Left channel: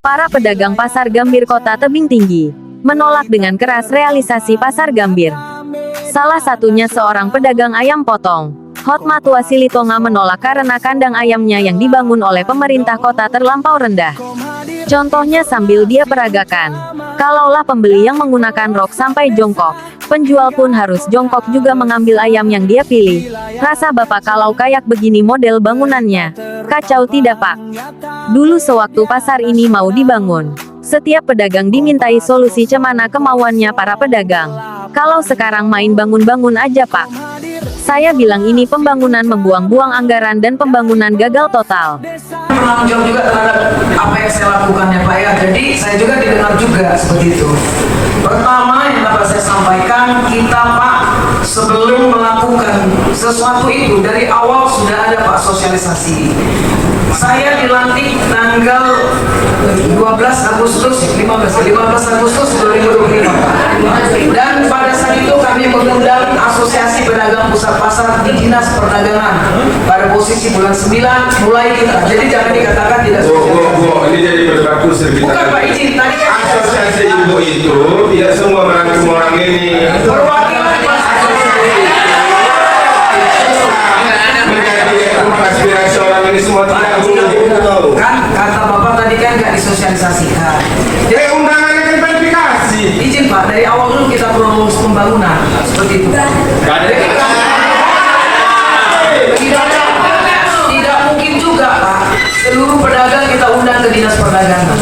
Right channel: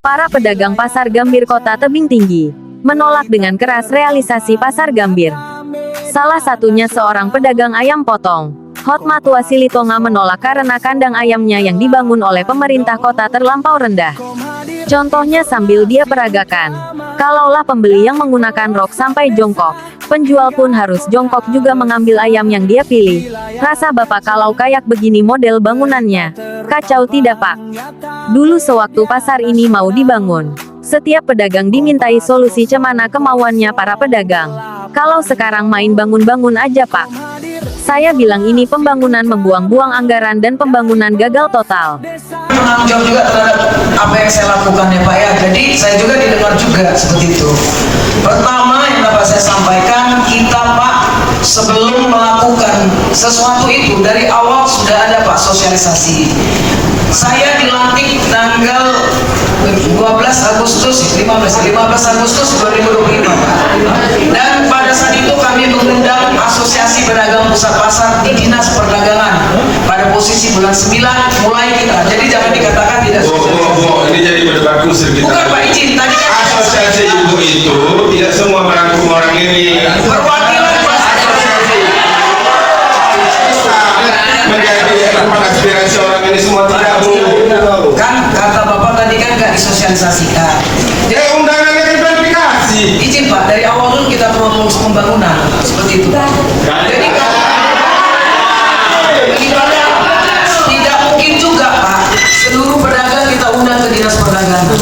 Para pedagang pasar Gambir Kota Tebing Tinggi menolak dengan keras realisasi pasar Gambir. Salah satunya seorang pedagang ayam potong, Hotmatua Silitonga, menolak karena kandang ayamnya yang dibangun oleh pemerintah kota terlampau rendah. Contohnya sambil dia peragakan, kalaulah pembeli yang menggunakan rok sampai jongkok, penjual pun harus jongkok juga mengambil ayam yang dia pilih. Rasa bapak kalau kayak begini model bangunannya. Kacau tidak pak? Dulu sewaktu pasar ini mau dibangun, setiap pedagang dimintai solusi cemana kemauannya para pedagang. Kalau sekarang main bangun-bangun aja pak. Saya bilang ini pembangunan membuang-buang anggaran dan pembangunan gagal total. Bertanggung jawab juga terhadap apa yang saya lakukan ya Pak ya. Jadi saya juga didengar juga seperti itu. Pertama yang dapat saya sampaikan, kita Pak sebelum melakukan sesuatu itu dari awal sudah ada Pak sosialisasi. Saya dilantik tanggal 15 Agustus 2025 dan pada saat itu kami mengundang Asosiasi Pedagang Pusat Pasar di Dinas Perdagangan pada posisi bulan 9 mulai kita, jadi jangan dikatakan tidak sosialisasi. Ini jadi berdebatku sedikit. Bukan Pak izin, tadi kan asosiasi ibu itu tidak semua merangkum orang ini. perwakilan Aspirasi orang ini semua tidak kan kata Bapak tadi kan nggak disosialisasikan. Undangannya kan verifikasi. Izin Pak, dari awal dulu kita turun rumus pembangunan seperti itu. Jadi tidak mungkin juga Pak seluruh pedagang kita undang ke dinas perdagangan.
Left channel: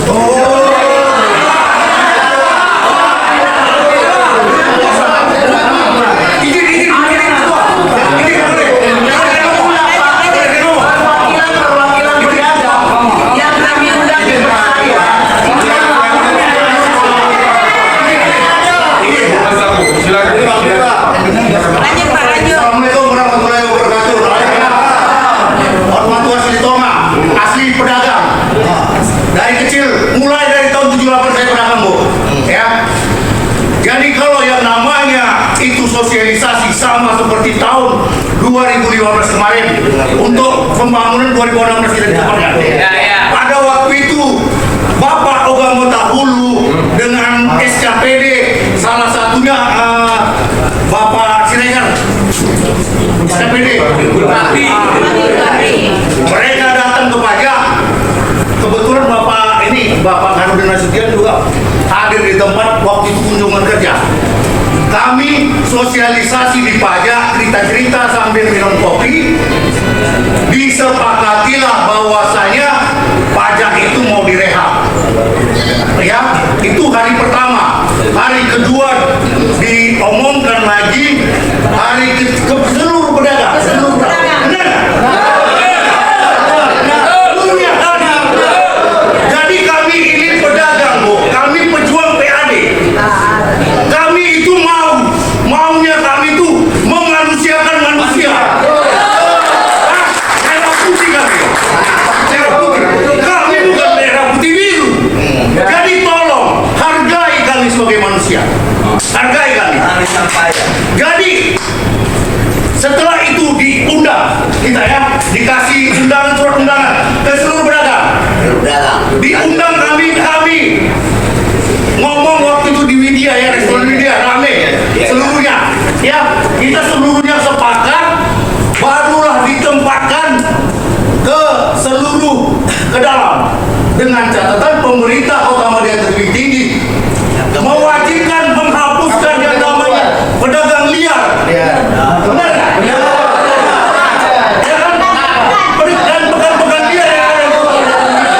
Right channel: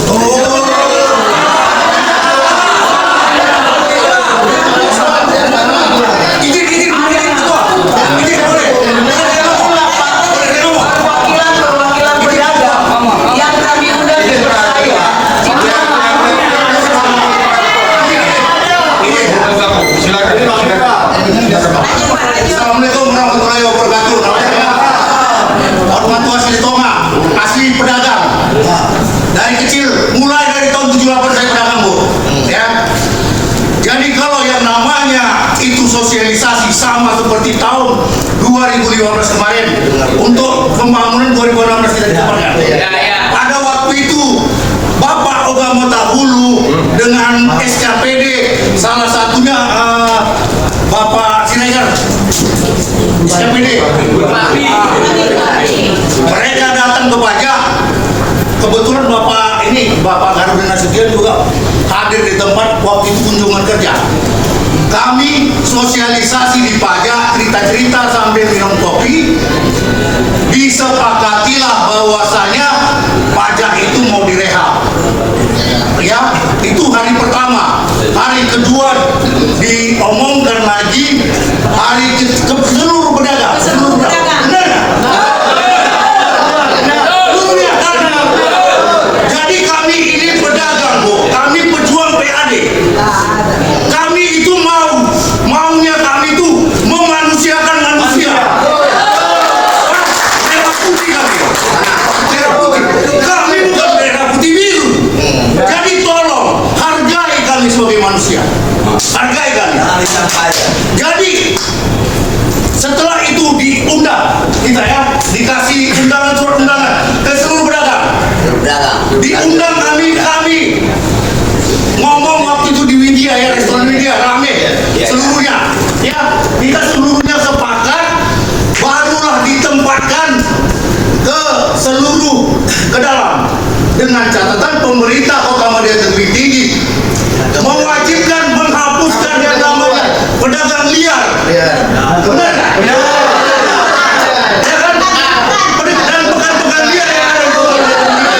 Assalamualaikum warahmatullahi wabarakatuh. Hotmatua Silitonga, asli pedagang. Dari kecil, mulai dari tahun 78 saya pedagang Bu. Ya. Jadi kalau yang namanya itu sosialisasi sama seperti tahun 2015 kemarin untuk pembangunan 2016 kita dilakukan. Pada waktu itu Bapak Ogamo Tahulu dengan SKPD, salah satunya Bapak Siregar, SKPD. Mereka datang ke pajak. Kebetulan Bapak Garudin Nasution juga hadir di tempat waktu itu kunjungan kerja. Kami sosialisasi di pajak, cerita-cerita sambil minum kopi. Disepakatilah bahwasanya pajak itu mau direhab. Ya, itu hari pertama. Hari kedua diomongkan lagi, hari ke seluruh pedagang. Jadi kami ini pedagang Bu, kami pejuang PAD. Kami itu maunya kami itu memanusiakan manusia. Merah putih kami. Kami bukan merah putih biru. Jadi tolong hargai kami sebagai manusia. Hargai kami. Jadi setelah itu diundang kita ya, dikasih undangan, surat undangan ke seluruh pedagang. Diundang kami ngomong waktu itu di media ya, restoran media rame seluruhnya. Ya, kita seluruhnya sepakat, barulah ditempatkan ke dalam dengan catatan pemerintah Kota Madya Tebing Tinggi mewajibkan menghapuskan yang namanya pedagang liar. Benar nggak? Ya kan? Dan pedagang liar yang ada di Kota Madya Tebing Tinggi.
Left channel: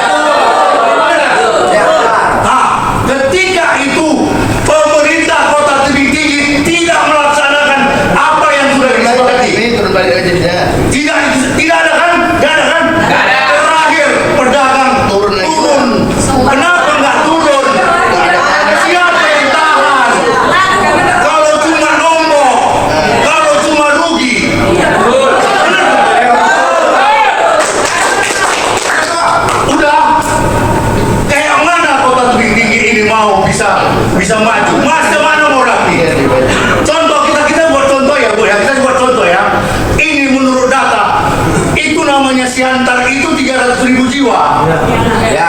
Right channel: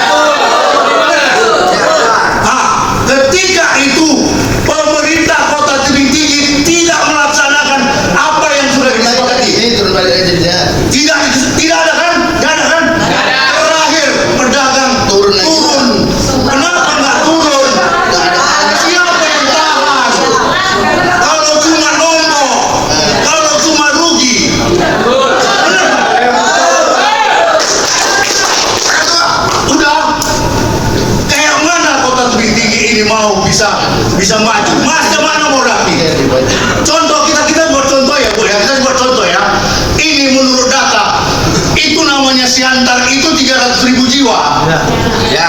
Nah, ketika itu pemerintah Kota Tebing Tinggi tidak melaksanakan apa yang sudah disepakati. Tidak ada kan? Nggak ada kan? Terakhir pedagang turun. Kenapa nggak turun? Siapa yang tahan? Kalau cuma nombok, kalau cuma rugi. Udah. Kayak mana Kota Tebing Tinggi ini mau bisa maju? Mas kemana mau rapi? Contoh kita buat contoh ya Bu ya. Kita buat contoh ya. Ini menurut data itu namanya Siantar itu 300.000 jiwa. Ya.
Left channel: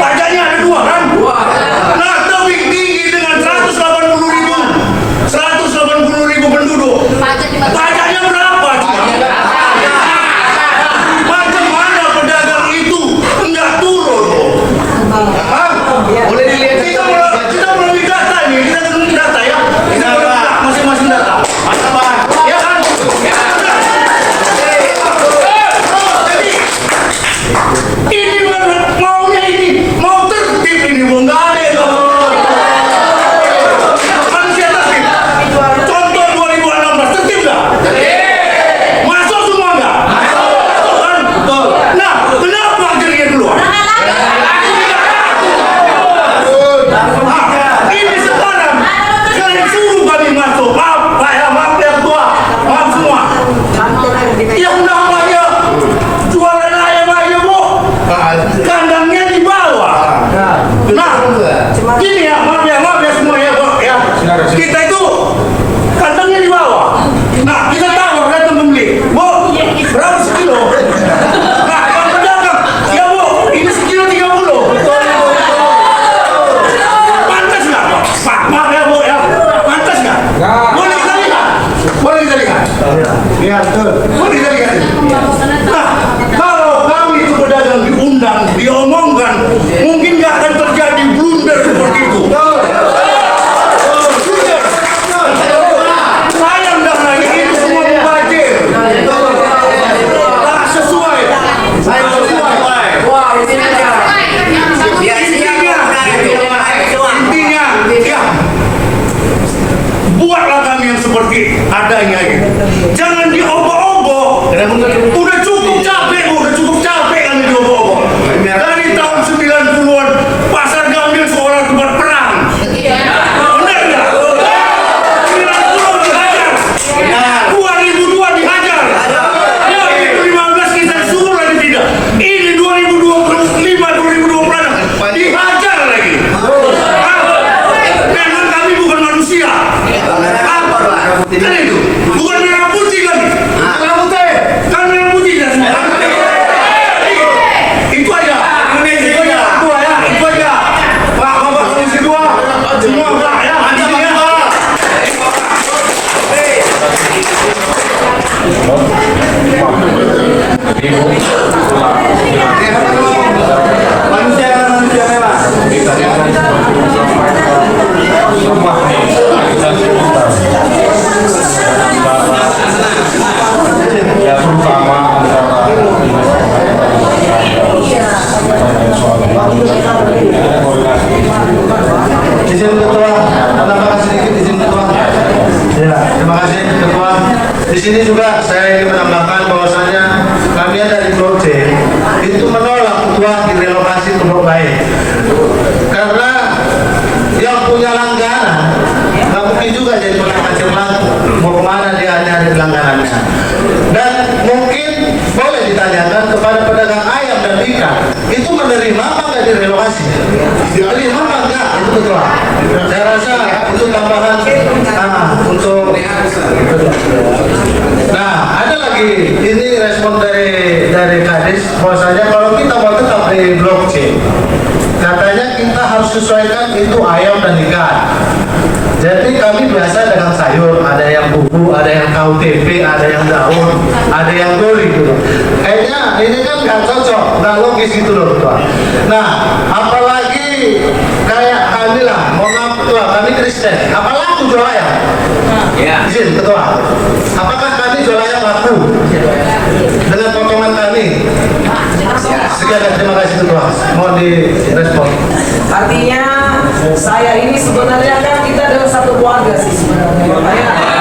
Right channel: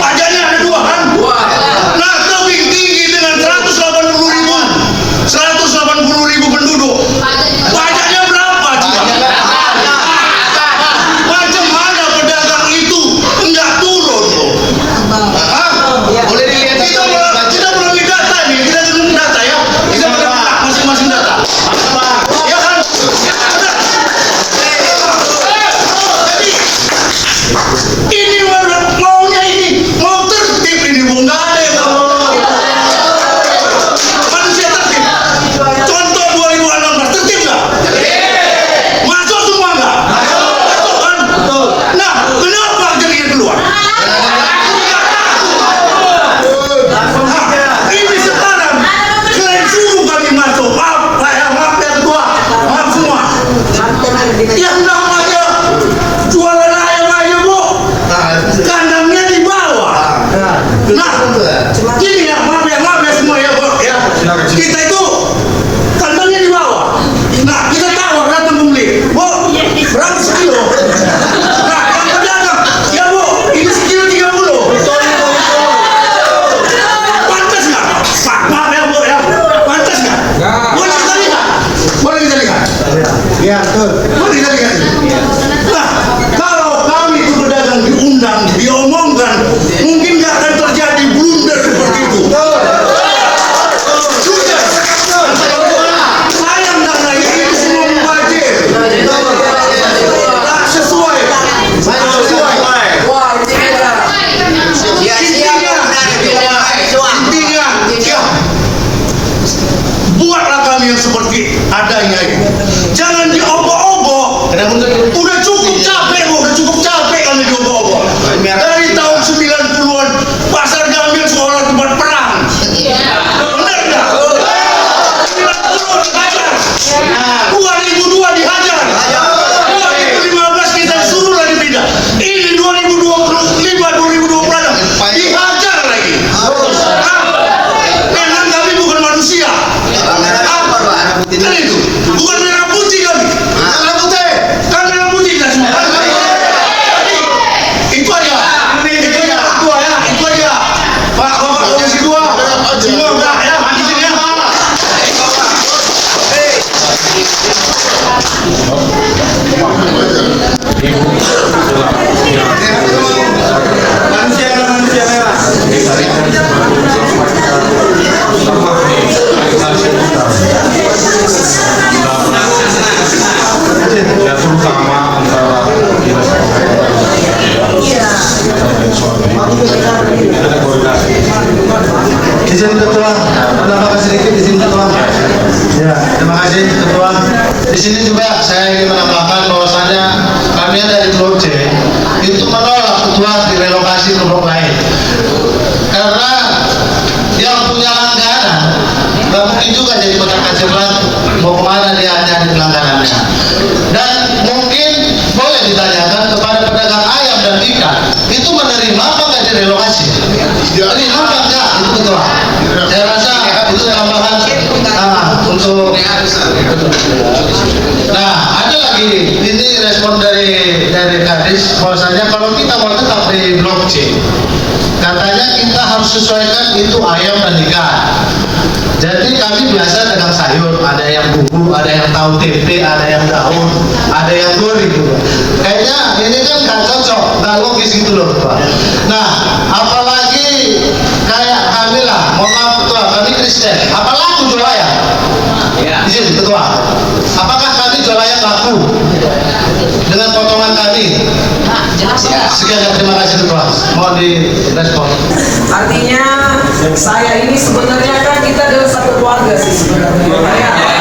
Pajaknya Boleh dilihat kita melalui data nih, kita melalui data ya. Kita melalui masing-masing data. Ya kan? Ya kan? Jadi ini maunya ini mau tertib ini Bung, nggak ada yang manusia tertib. Contoh 2016 tertib nggak? Masuk semua nggak? Masuk kan? Nah, kenapa jadinya keluar? Ini sekarang kalian suruh kami masuk. Maaf Pak ya, maaf ya Ketua, maaf semua. Yang namanya jualan ayam aja Bu, kandangnya di bawah. Nah, gini ya, maaf ya semua ya Bu ya. Kita itu kandangnya di bawah. Nah, kita tawar datang membeli. Bu, berapa sekilo? Nah, yang pedagang, ya Bu, ini sekilo 30. Pantas nggak Pak? Maaf ya Bu ya, pantas nggak? Boleh kita lihat? Boleh kita lihat? Iya betul. Boleh kita lihat? Nah, kalau kami itu pedagang diundang, diomongkan, mungkin nggak akan terjadi blunder seperti itu. Sudah. Sayang dan lagi itu semua mubazir. Tak sesuai. Intinya, ya, buatlah kami yang seperti adanya ini. Jangan diobok-obok. Udah cukup capek Bu, udah cukup capek kami diobok-obok. Dari tahun 90-an Pasar Gambir seolah tempat perang. Benar nggak? 90 dihajar, 2002 dihajar, 2015 kita disuruh lagi pindah. Ini 2025, 2026 dihajar lagi. Memang kami bukan manusia. Kan itu, bukan merah putih kami. Merah putih, kan merah putih kita semua. Itu aja. Itu aja. Pak, Bapak Komisi 2, semua Pak ya, intinya. Ya terutama antara dinas dan suami ada koordinasi. Izin Ketua, menambahkan sedikit izin Ketua. Ya, terima kasih Ketua. Di sini juga saya ingin menambahkan bahwasannya kami dari Blok C itu menolak Ketua direlokasi ke Blok lain. Karena yang punya langganan nggak mungkin juga jadi pedagang kacang batu. Mau kemana dia nyari langganannya? Dan mungkin boleh ditanyakan kepada pedagang ayam dan ikan itu menerima apa nggak direlokasi? Menerima nggak itu Ketua? Saya rasa itu tambahan untuk. Nah, ada lagi ini respon dari Kadis bahwasanya kalau kita mau tetap di Blok C, katanya kita harus sesuaikan itu ayam dan ikan. Jadi kami biasa dagang sayur, ada yang bumbu, ada yang tahu tempe, ada yang daun, ada yang gori gitu. Kayaknya ini kan nggak cocok, nggak logis gitu loh Ketua. Nah, apalagi kayak kami lah, mohon maaf Ketua, kami Kristen, apa laku jual ayam? Ya. Izin Ketua, apakah kami jual ayam laku dengan potongan kami? Sekian, terima kasih Ketua, mohon direspon. Artinya saya ini sebenarnya kan kita adalah satu keluarga sih sebenarnya.